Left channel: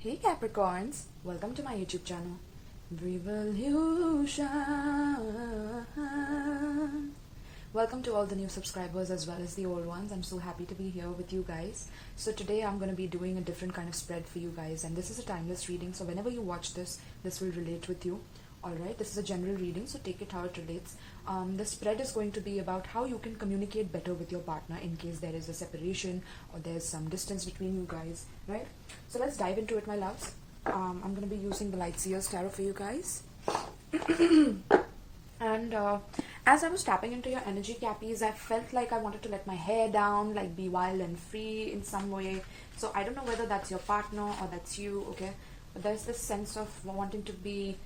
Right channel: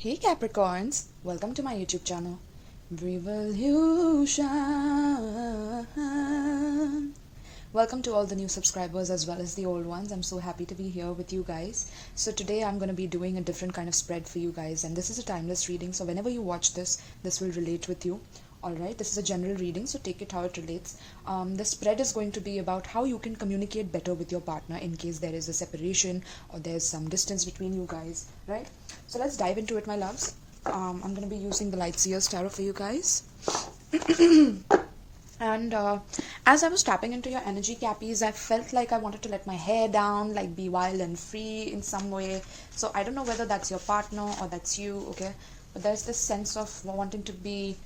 Hey Capricorns, welcome to my YouTube channel. Revolution. Welcome to all the new subscribers as well as the old ones. I'm so happy to be here with you guys. So today I'm going to be doing a different kind of spread for you guys, and this is a timeless reading, so whenever you watch this will relate with you. Alright, this is a general reading, so take it how it relates. The spread is going to be about how you can communicate better with your partner in case there is a separation or there's some distance between you guys, right? So let's dive into it, my loves. I'm going to be using the Lightseer's Tarot for you guys. And as I was tapping into your energy, Cappies, I felt like I wanted to let my hair down, like be wild and free in some way. So I don't know whether that's your partner or that's you, okay? But there's this sense of wanting to be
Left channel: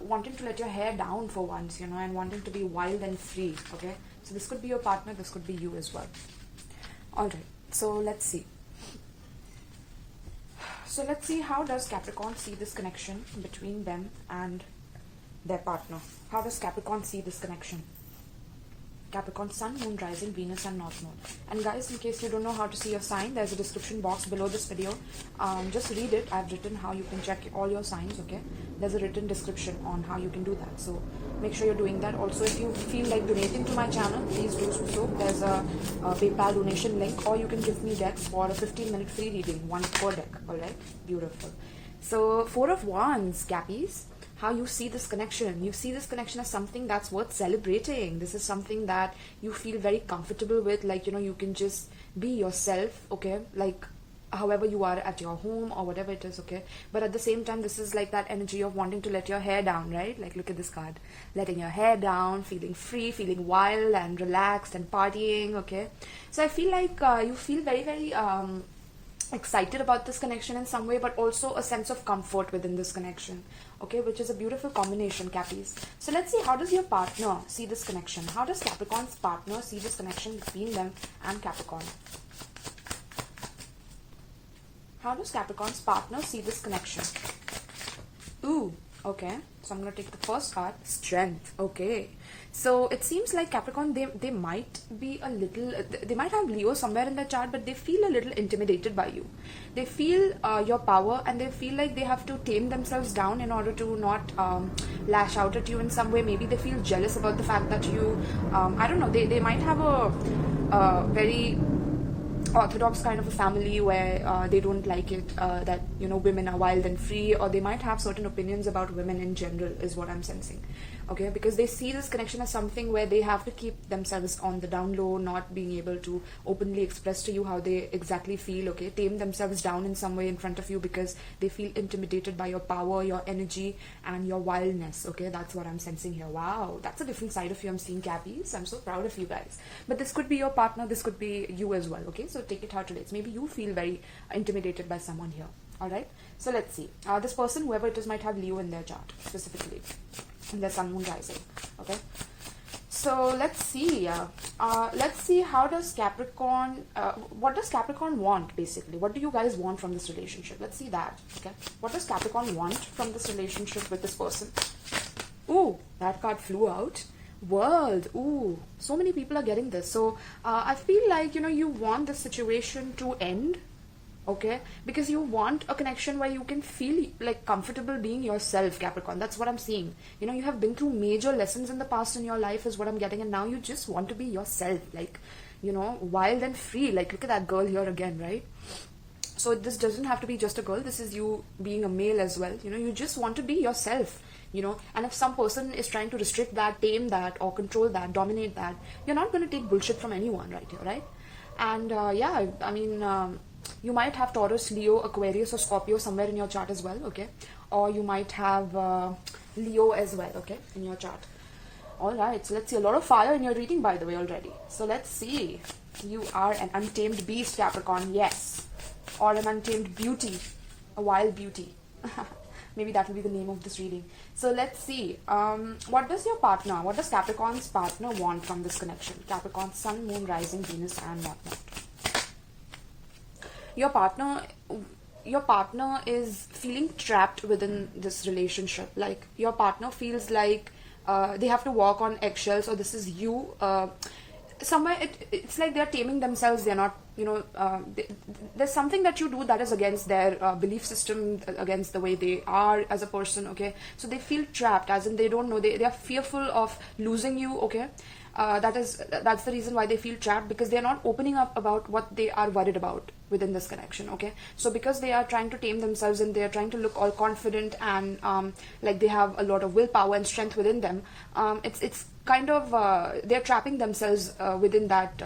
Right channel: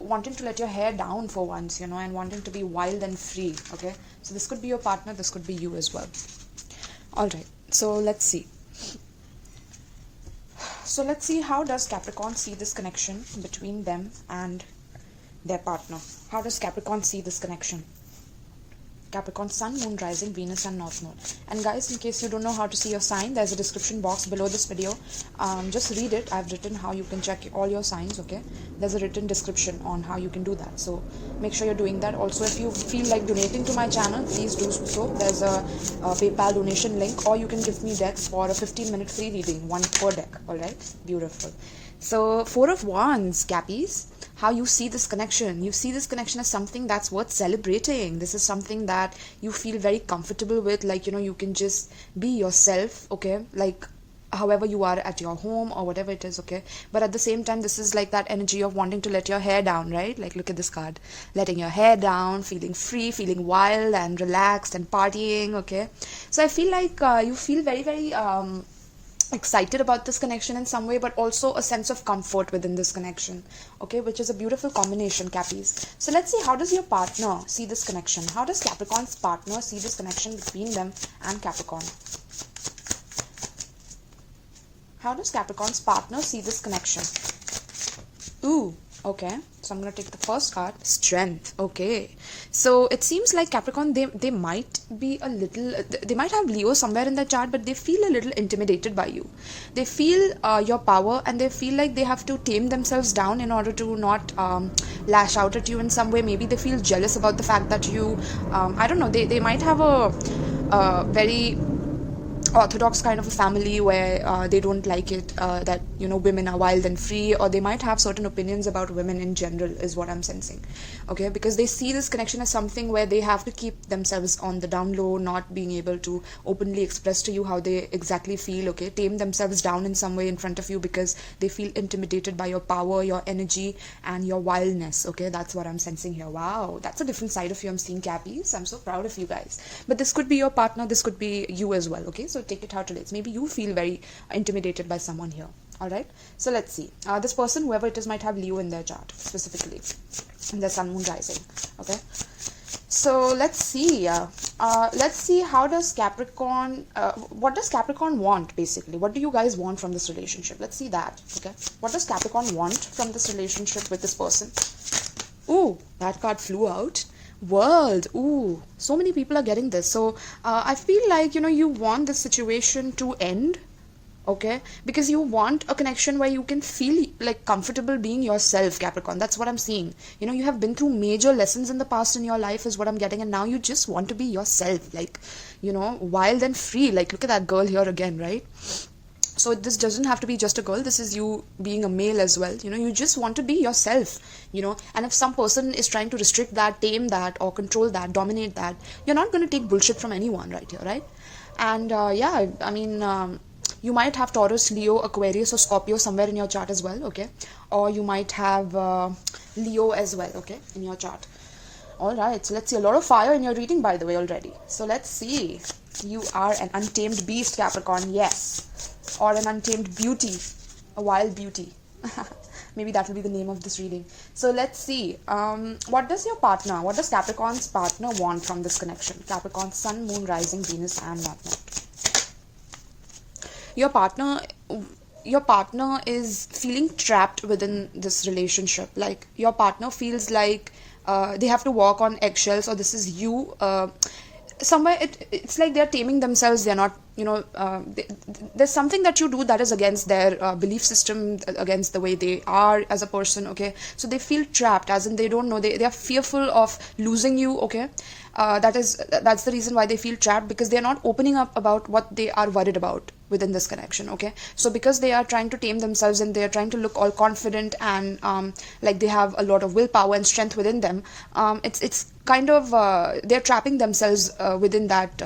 wanting to let your hair down for once, and wanting to be wild and free, okay? So this could be your partner, this could be you as well. All right, so let's see. How does Capricorn see this connection between them and their partner? How does Capricorn see this connection? Capricorn, Sun, Moon, Rising, Venus and North Node. And guys, in case you don't know how to see your sign, there's a description box below this video. Just read it. I've written how you can check all your signs, okay? There's a written description on how you can do that. So make sure you're doing that. Also, if you feel like donating to my channel, please do so. There's a PayPal donation link, or you can give me decks for a 15-minute free reading, one per deck, alright? Beautiful. So, Four of Wands, Cappies. How you see this connection. You see this connection as something that's worth celebrating. This is something that you feel very comfortable with, like, you can just be yourself, okay? Like, however you are at your home or whatever it is, okay? But at the same time, this is like that energy of wanting to let your hair down, right? Like, look at this card. Letting your hair down, feeling free, feeling wild and relaxed and partying, okay? So I feel like you feel very, very excited about this connection in some way, but also a sense of comfort within this connection, okay, which is a beautiful combination, Cappies. So let's see, how does your partner see this connection? How does Capricorn's partner see this connection between them and Capricorn? How does Capricorn's partner see this connection? Ooh, okay, so I'm going to take the first card, Strength. Okay, so it seems like Capricorn, they might be a little, they might have Leo somewhere in their chart, but they feel a little intimidated by you. They feel your power, and they feel like they have to tame themselves down in order to not lash out at you in some way. Maybe they feel jealous about the fact that you, I don't know, they might have a very orthodox kind of a family where they don't like it that women are wild and free, or they might have certain opinions about women in general, is what I'm sensing, okay? Because they see this connection as something where they have to keep themselves on the down low, not being able to openly express to you how they exactly feel, okay? Tame themselves down in some way in front of you because they feel intimidated by your power, your energy and your wildness, okay? That's what I'm sensing here. Wow, that's a different side of you I'm seeing, Cappies. I'm so proud of you guys. But this could be your partner, this could be you as well, okay? So take it how it relates. Maybe you feel very intimidated by someone here. All right, so let's see. This person, whoever it is, might have Leo in their chart specifically, in their Sun, Moon, Rising, okay? So let's see. How does Capricorn, what does Capricorn want, basically? What do you guys want from this relationship? Let's see that, okay? What does Capricorn want from this relationship with this person? Ooh, that card flew out. World. Ooh, so many people are getting this. So I feel like you want this situation to end, okay? Because you want a connection where you can feel like comfortable being yourself, Capricorn. That's what I'm seeing. You have been through major lessons in the past in your life, is what I'm getting, and now you just want to be yourself, like wild and free. Like, look at that girl here again, right? So this doesn't have to be just a girl. This is you being a male as well. You just want to be yourself, and if some person is trying to restrict that, tame that, or control that, dominate that, you're not going to take bullshit from anyone right here, right? And yeah, I mean, you might have Taurus, Leo, Aquarius or Scorpio somewhere in your chart as well, okay? Or you might have Leo as well, okay, in your chart. Alright, so let's see. A lot of fire in your reading, by the way, already. So let's see. You are an untamed beast, Capricorn, yes. Or an untamed beauty, a wild beauty. Maybe that will be the name of this reading. So let's see. What does Capricorn's partner want from this connection? Capricorn, Sun, Moon, Rising, Venus and North Node. Your partner is feeling trapped within this relationship. Like, your partner feels like they have to walk on eggshells, or this is you somewhere it's like they're taming themselves. They're not, there's something that you do that is against their belief system, against the way they are as a person, okay? So they feel trapped, as in they don't know, they are fearful of losing you, okay? That's the reason why they feel trapped, because they're not opening up about what they are worried about within this connection, okay? So because they are trying to tame themselves and they are trying to look all confident and like they have a lot of willpower and strength within them, it's kind of they're trapping themselves within that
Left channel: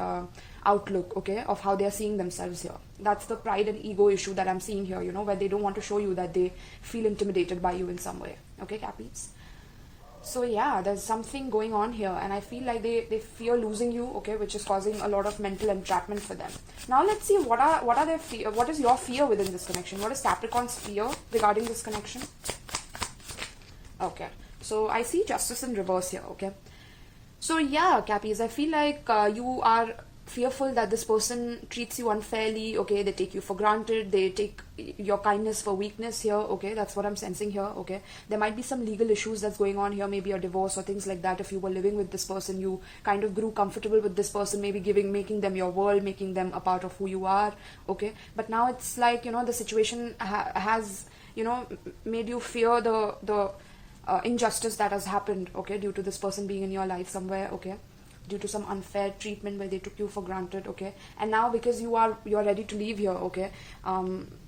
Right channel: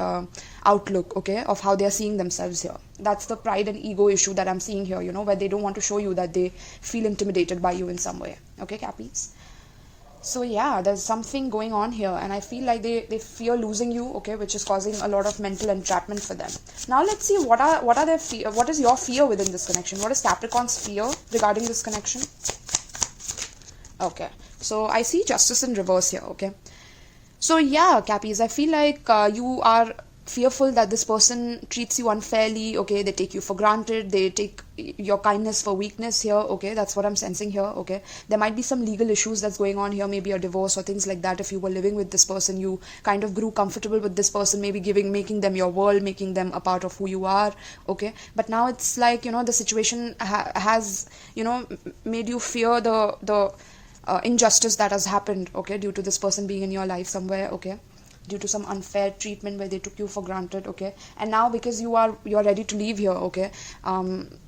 outlook, okay, of how they're seeing themselves here. That's the pride and ego issue that I'm seeing here, where they don't want to show you that they feel intimidated by you in some way, okay, Cappies? So yeah, there's something going on here, and I feel like they fear losing you, okay, which is causing a lot of mental entrapment for them. Now let's see what are their fear. What is your fear within this connection? What is Capricorn's fear regarding this connection? Okay, so I see Justice in reverse here, okay. So yeah, Cappies, I feel like you are fearful that this person treats you unfairly, okay? They take you for granted, they take your kindness for weakness here, okay? That's what I'm sensing here, okay? There might be some legal issues that's going on here, maybe a divorce or things like that. If you were living with this person, you kind of grew comfortable with this person, maybe making them your world, making them a part of who you are, okay? But now it's like, the situation has, made you fear the injustice that has happened, okay, due to this person being in your life somewhere, okay, due to some unfair treatment where they took you for granted, okay? And now because you're ready to leave here, okay,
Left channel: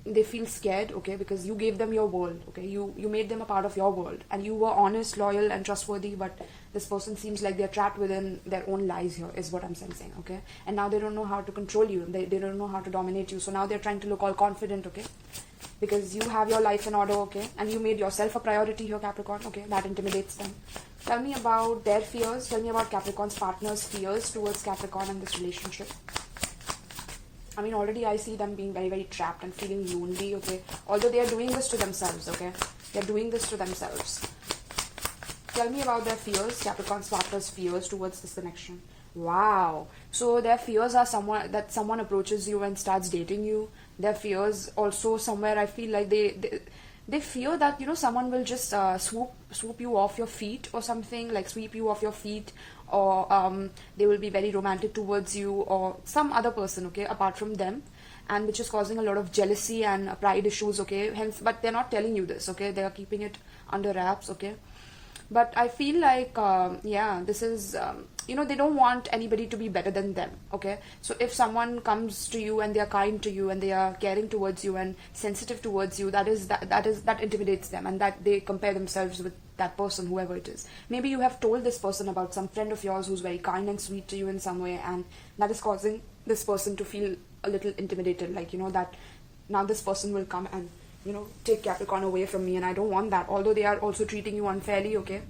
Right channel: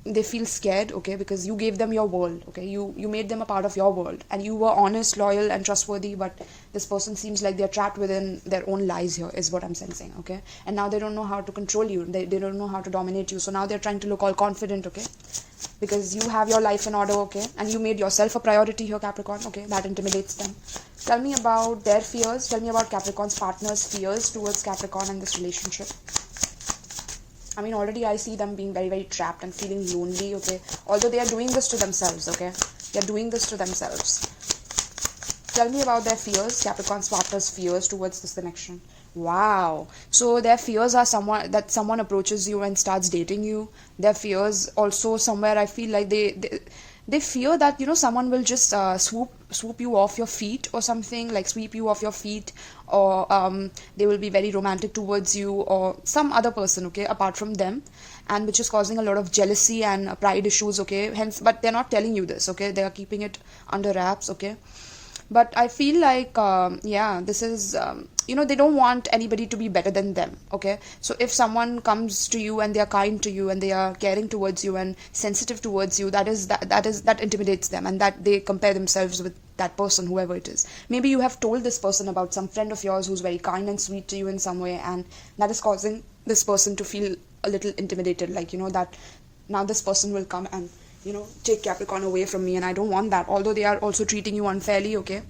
they feel scared, okay, because you gave them your world, okay? You made them a part of your world, and you were honest, loyal and trustworthy, but this person seems like they're trapped within their own lies here, is what I'm sensing, okay? And now they don't know how to control you, they don't know how to dominate you, so now they're trying to look all confident, okay, because you have your life in order, okay, and you made yourself a priority here, Capricorn, okay? That intimidates them. Tell me about their fears. Tell me about Capricorn's partner's fears towards Capricorn and this relationship. I mean, already I see them being very, very trapped and feeling lonely, okay? Although they are doing this to themselves, okay? They are doing this to themselves. Tell me about their fears, Capricorn's partner's fears towards this connection. Wow. So their fears are someone approaches you and starts dating you. Their fears also somewhere, I feel like they fear that someone will just swoop you off your feet or something, like sweep you off your feet, or they will be very romantic towards you, or some other person, okay, apart from them, and which is causing a lot of jealousy and pride issues, okay? Hence, but they're not telling you this, okay? They are keeping it under wraps, okay? But I feel like this is they don't want anybody to be better than them, okay? So if someone comes to you and they are kind to you and they are caring towards you and sensitive towards you, that intimidates them, and that they compare themselves with that person, whoever it is. Maybe you have told this person about some friend of yours who's very kind and sweet to you in some way, and that is causing this person to feel a little intimidated, like that now this person will come and take Capricorn away from me, and I don't want that, although they are also treating you unfairly, okay?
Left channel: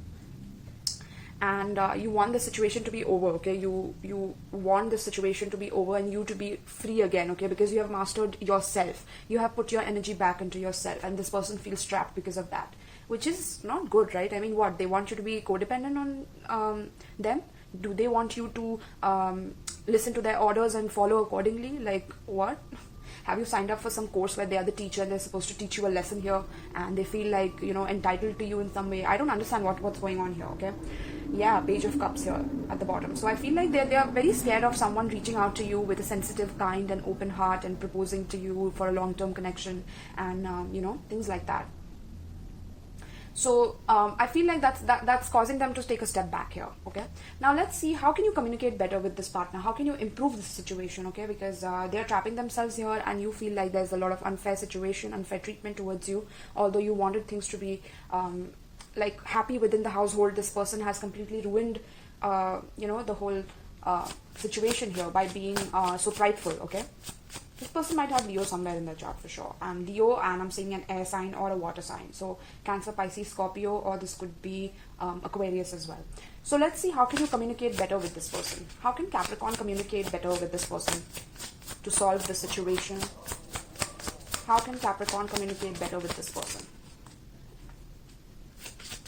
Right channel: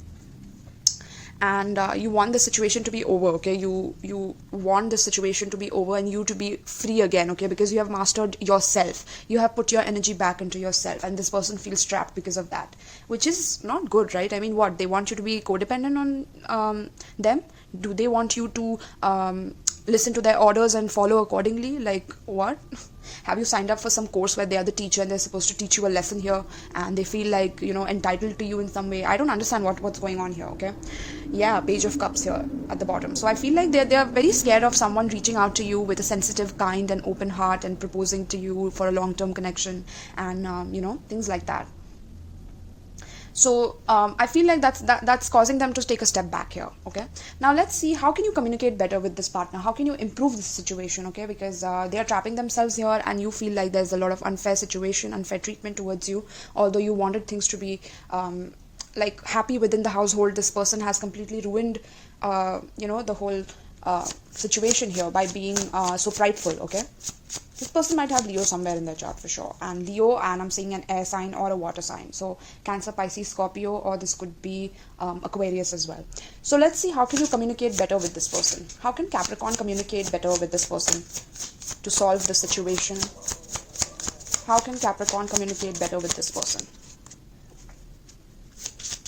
And you want the situation to be over, okay? You want the situation to be over and you to be free again, okay? Because you have mastered yourself, you have put your energy back into yourself, and this person feels trapped because of that, which is not good, right? I mean, what, they want you to be codependent on them? Do they want you to listen to their orders and follow accordingly? Like what? Have you signed up for some course where they are the teacher and they're supposed to teach you a lesson here, and they feel like entitled to you in some way? I don't understand what's going on here, okay? Yeah, Page of Cups here at the bottom. So I feel like they're very scared of someone reaching out to you with a sensitive, kind and open heart and proposing to you for a long-term connection, and things like that. So I feel like that's causing them to take a step back here, okay? Now let's see, how can you communicate better with this partner? How can you improve this situation, okay? Because they are trapping themselves here, and you feel like there's a lot of unfair situation, unfair treatment towards you. Although you wanted things to be like happy within the household, this person has completely ruined the whole situation here by being so prideful, okay? This person might have Leo somewhere in their chart for sure. And Leo, and I'm seeing an air sign or a water sign. So Cancer, Pisces, Scorpio, or this could be Aquarius as well. So let's see, how can you communicate better with this person? How can Capricorn communicate better with this person to solve the situation? How can Capricorn communicate better with this person?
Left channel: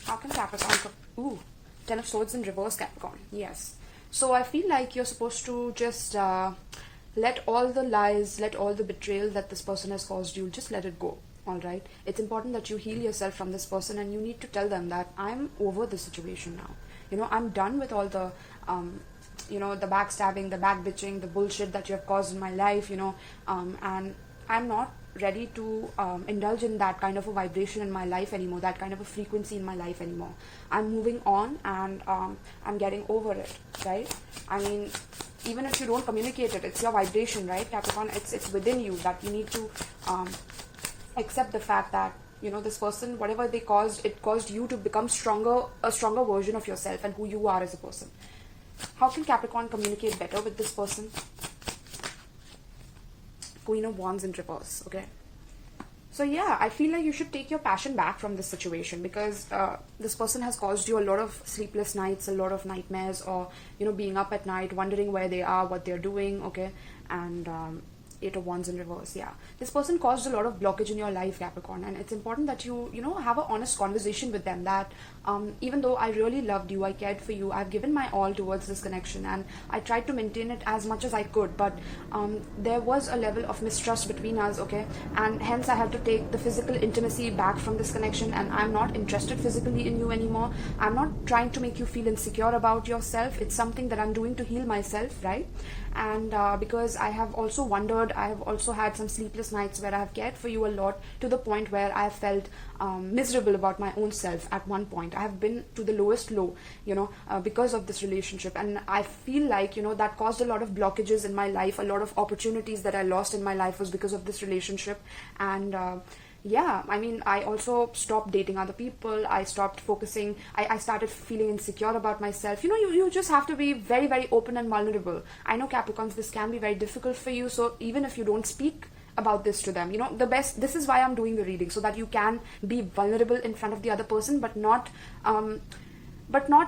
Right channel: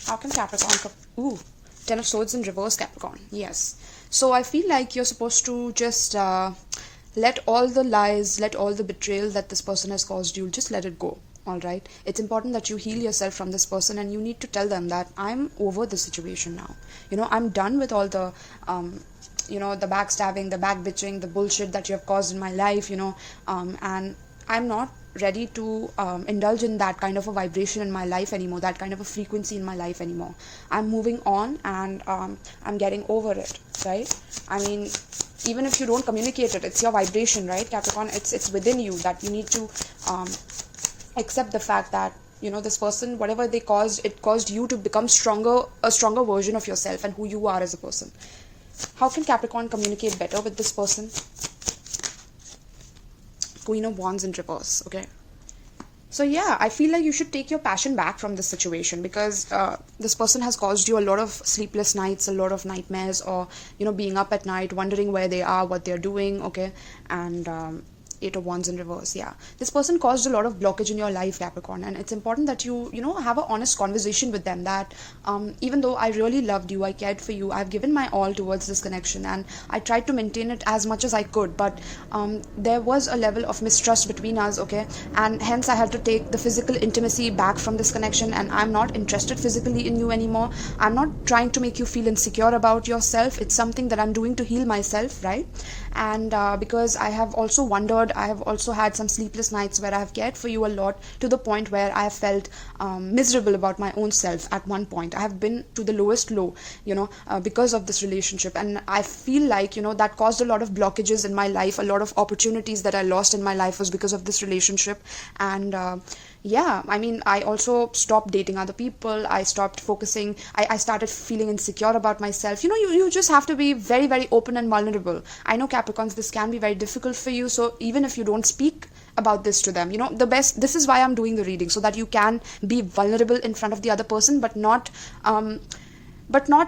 How can Capricorn... Ooh, Ten of Swords in reverse, Capricorn. Yes. So I feel like you're supposed to just... let all the lies, let all the betrayal that this person has caused you, just let it go, all right? It's important that you heal yourself from this person, and you need to tell them that I'm over the situation now. I'm done with all the the backstabbing, the back bitching, the bullshit that you have caused in my life, and I'm not ready to indulge in that kind of a vibration in my life anymore, that kind of a frequency in my life anymore. I'm moving on, and I'm getting over it, right? I mean, even if you don't communicate it, it's your vibration, right, Capricorn? It's within you that you need to accept the fact that this person, whatever they caused, it caused you to become a stronger version of yourself and who you are as a person. How can Capricorn communicate better with this person? Queen of Wands in reverse. Okay, so yeah, I feel like you should take your passion back from this situation, because this person has caused you a lot of sleepless nights, a lot of nightmares, or being up at night wondering where they are, what they're doing. Okay, and Eight of Wands in reverse. Yeah, this person caused a lot of blockage in your life, Capricorn, and it's important that you have an honest conversation with them, that even though I really loved you, I cared for you, I've given my all towards this connection, and I tried to maintain it as much as I could, but there was a level of mistrust between us. Okay, and hence I had to take the physical intimacy back from this connection, and I'm not interested physically in you anymore. I'm not trying to make you feel insecure about yourself. It's something that I'm doing to heal myself, right? And because I have also wondered, I have also had some sleepless nights where I have cared for you a lot, to the point where I have felt miserable about my own self. At one point I have been to the lowest low, because of this relationship, and I feel like that caused a lot of blockages in my life. A lot of opportunities that I lost in my life was because of this relationship. And yeah, I mean, I also stopped dating other people. I stopped focusing. I started feeling insecure about myself. You just have to be very, very open and vulnerable. I know, Capricorns, this can be very difficult for you. So even if you don't speak about this to them, this is why I'm doing the reading, so that you can be vulnerable in front of the other person, but not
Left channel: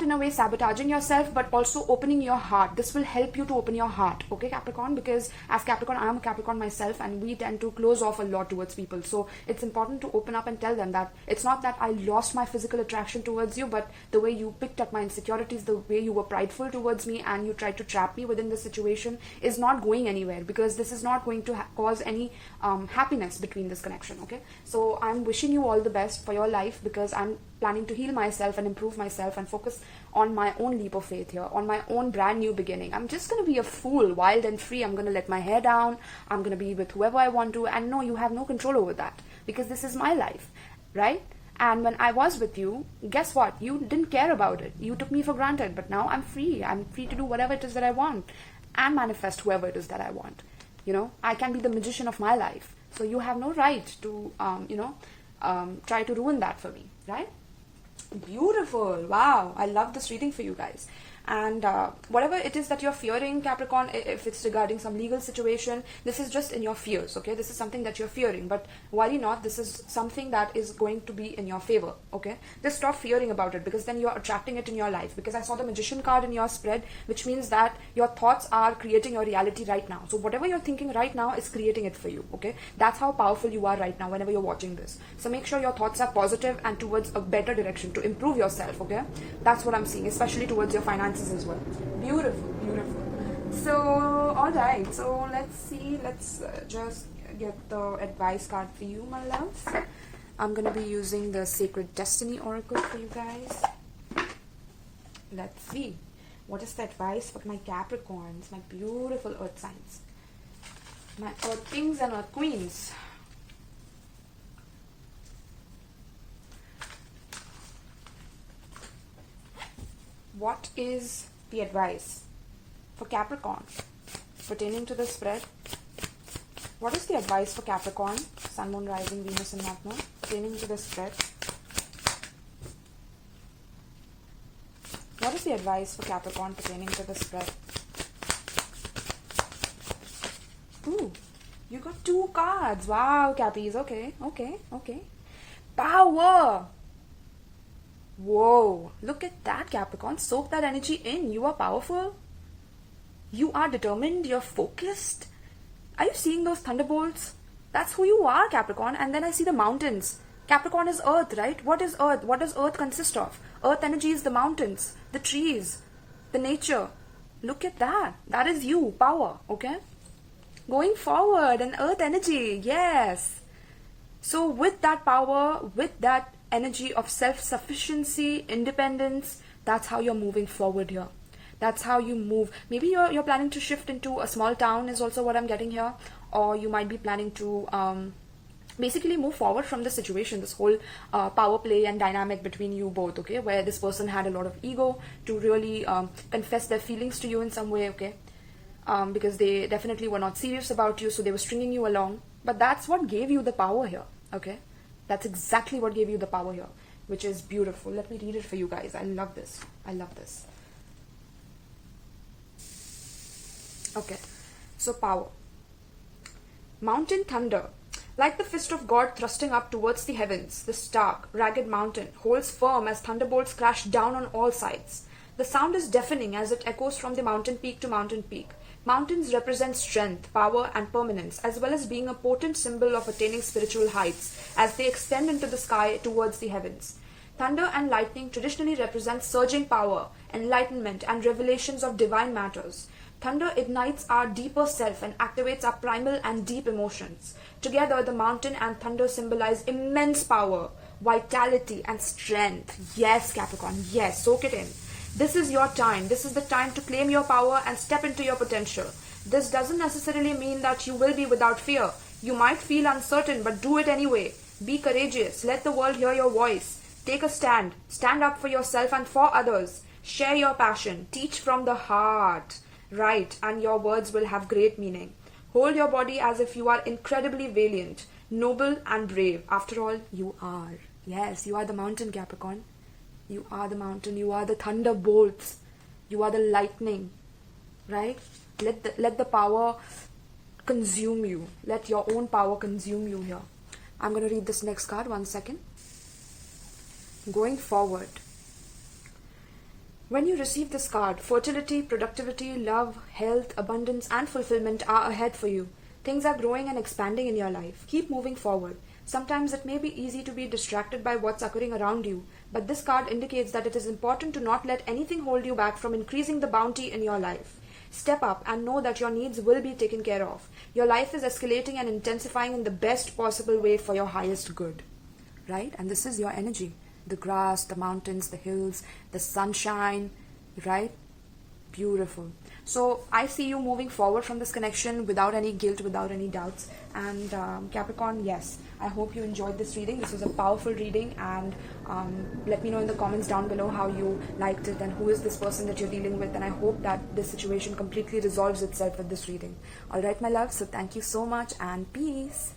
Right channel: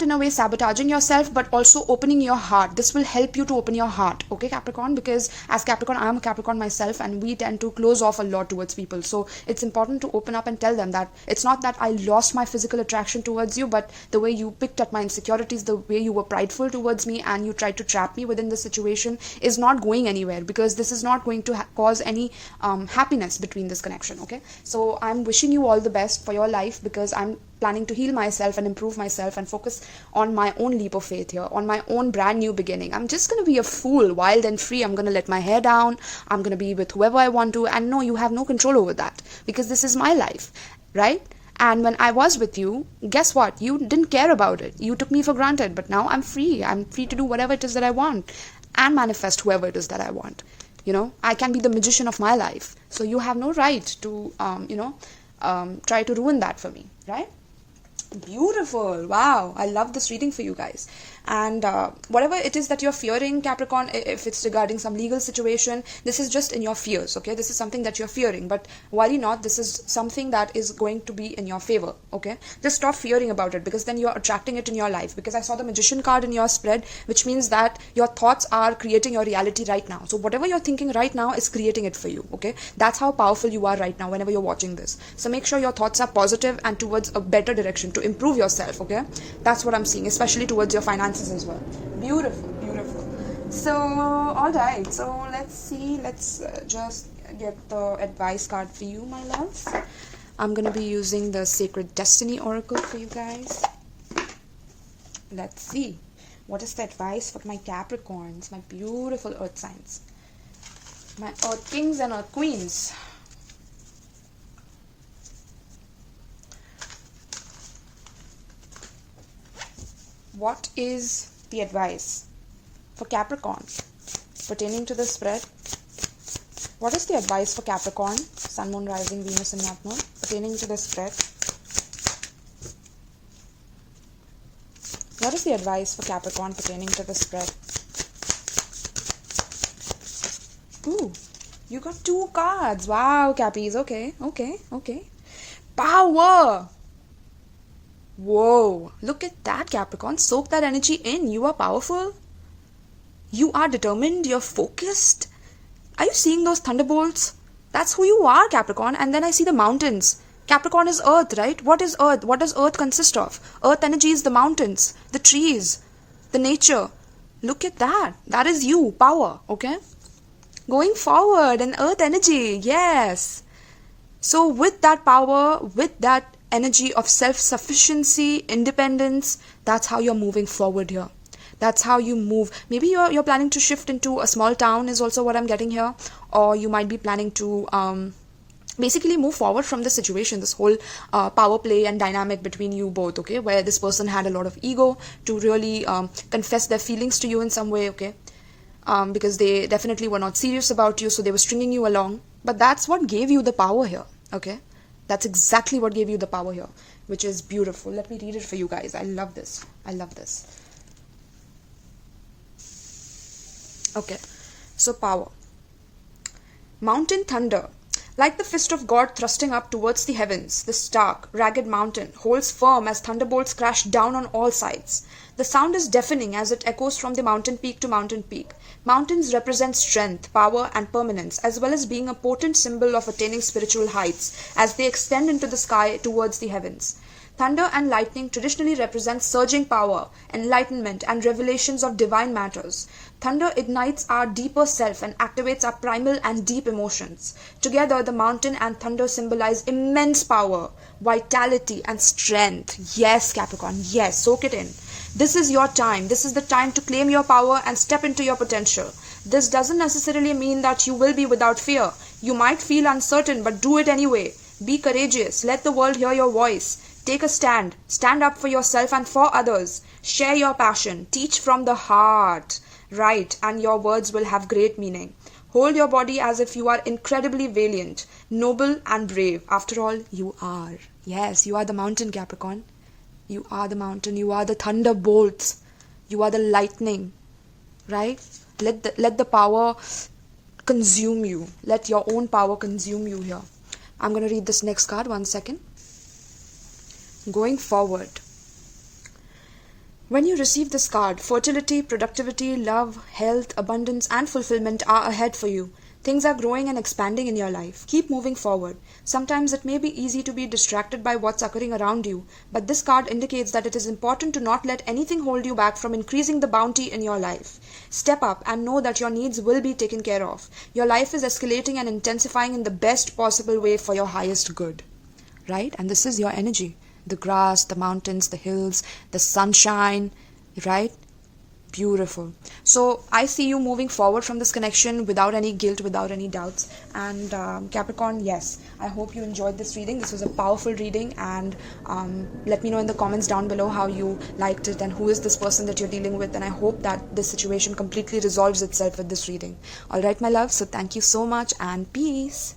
in a way sabotaging yourself, but also opening your heart. This will help you to open your heart, okay, Capricorn? Because as Capricorn, I am a Capricorn myself, and we tend to close off a lot towards people. So it's important to open up and tell them that it's not that I lost my physical attraction towards you, but the way you picked at my insecurities, the way you were prideful towards me, and you tried to trap me within the situation, is not going anywhere, because this is not going to cause any happiness between this connection. Okay, so I'm wishing you all the best for your life, because I'm planning to heal myself and improve myself and focus on my own leap of faith here, on my own brand new beginning. I'm just going to be a fool, wild and free. I'm going to let my hair down. I'm going to be with whoever I want to. And no, you have no control over that, because this is my life, right? And when I was with you, guess what? You didn't care about it. You took me for granted. But now I'm free. I'm free to do whatever it is that I want and manifest whoever it is that I want. I can be the magician of my life. So you have no right to, try to ruin that for me, right? Beautiful. Wow, I love this reading for you guys. And whatever it is that you're fearing, Capricorn, if it's regarding some legal situation, this is just in your fears. Okay, this is something that you're fearing, but worry not. This is something that is going to be in your favor. Okay, just stop fearing about it, because then you're attracting it in your life. Because I saw the Magician card in your spread, which means that your thoughts are creating your reality right now. So whatever you're thinking right now is creating it for you. Okay, that's how powerful you are right now whenever you're watching this. So make sure your thoughts are positive and towards a better direction to improve yourself. Okay, that's what I'm seeing, especially towards your finances as well. Beautiful, beautiful. So all right, so let's see, let's just get the advice card for you, my loves. I'm gonna be using the Sacred Destiny Oracle for you guys. Let's see, what is the advice for my Capricorns, my beautiful earth signs, my earth kings and earth queens? What is the advice for Capricorn pertaining to the spread? What is the advice for Capricorn, Sun, Moon, Rising, Venus and North Node pertaining to the spread? What is the advice for Capricorn pertaining to the spread? Ooh, you got 2 cards. Wow, Cappies. Okay, okay, okay. Power! Whoa, look at that, Capricorn. Soak that energy in. You are powerful. You are determined. You're focused. Are you seeing those thunderbolts? That's who you are, Capricorn. And then I see the mountains. Capricorn is earth, right? What is earth? What does earth consist of? Earth energy is the mountains, the trees, the nature. Look at that. That is you, power, okay? Going forward and earth energy, yes. So with that power, with that energy of self-sufficiency, independence, that's how you're moving forward here. That's how you move. Maybe you're planning to shift into a small town is also what I'm getting here, or you might be planning to basically move forward from this situation, this whole power play and dynamic between you both, okay, where this person had a lot of ego to really confess their feelings to you in some way, okay, because they definitely were not serious about you, so they were stringing you along. But that's what gave you the power here, okay? That's exactly what gave you the power here, which is beautiful. Let me read it for you guys. I love this. I love this. Okay, so power. Mountain thunder. Like the fist of God thrusting up towards the heavens, the stark, ragged mountain holds firm as thunderbolts crash down on all sides. The sound is deafening as it echoes from the mountain peak to mountain peak. Mountains represent strength, power, and permanence, as well as being a potent symbol of attaining spiritual heights as they extend into the sky towards the heavens. Thunder and lightning traditionally represent surging power, enlightenment, and revelations of divine matters. Thunder ignites our deeper self and activates our primal and deep emotions. Together, the mountain and thunder symbolize immense power, vitality, and strength. Yes, Capricorn, yes, soak it in. This is your time. This is the time to claim your power and step into your potential. This doesn't necessarily mean that you will be without fear. You might feel uncertain, but do it anyway. Be courageous. Let the world hear your voice. Take a stand. Stand up for yourself and for others. Share your passion. Teach from the heart. Write, and your words will have great meaning. Hold your body as if you are incredibly valiant, noble, and brave. After all, you are. Yes, you are the mountain, Capricorn. You are the mountain. You are the thunderbolts. You are the lightning. Right? Let the power consume you. Let your own power consume you here. I'm going to read this next card. 1 second. Going forward. When you receive this card, fertility, productivity, love, health, abundance, and fulfillment are ahead for you. Things are growing and expanding in your life. Keep moving forward. Sometimes it may be easy to be distracted by what's occurring around you, but this card indicates that it is important to not let anything hold you back from increasing the bounty in your life. Step up and know that your needs will be taken care of. Your life is escalating and intensifying in the best possible way for your highest good. Right? And this is your energy. The grass, the mountains, the hills, the sunshine, right? Beautiful. So I see you moving forward from this connection without any guilt, without any doubts. And Capricorn, yes, I hope you enjoyed this reading. This was a powerful reading, and let me know in the comments down below how you liked it and who is this person that you're dealing with. And I hope that this situation completely resolves itself with this reading. All right, my love. So thank you so much, and peace.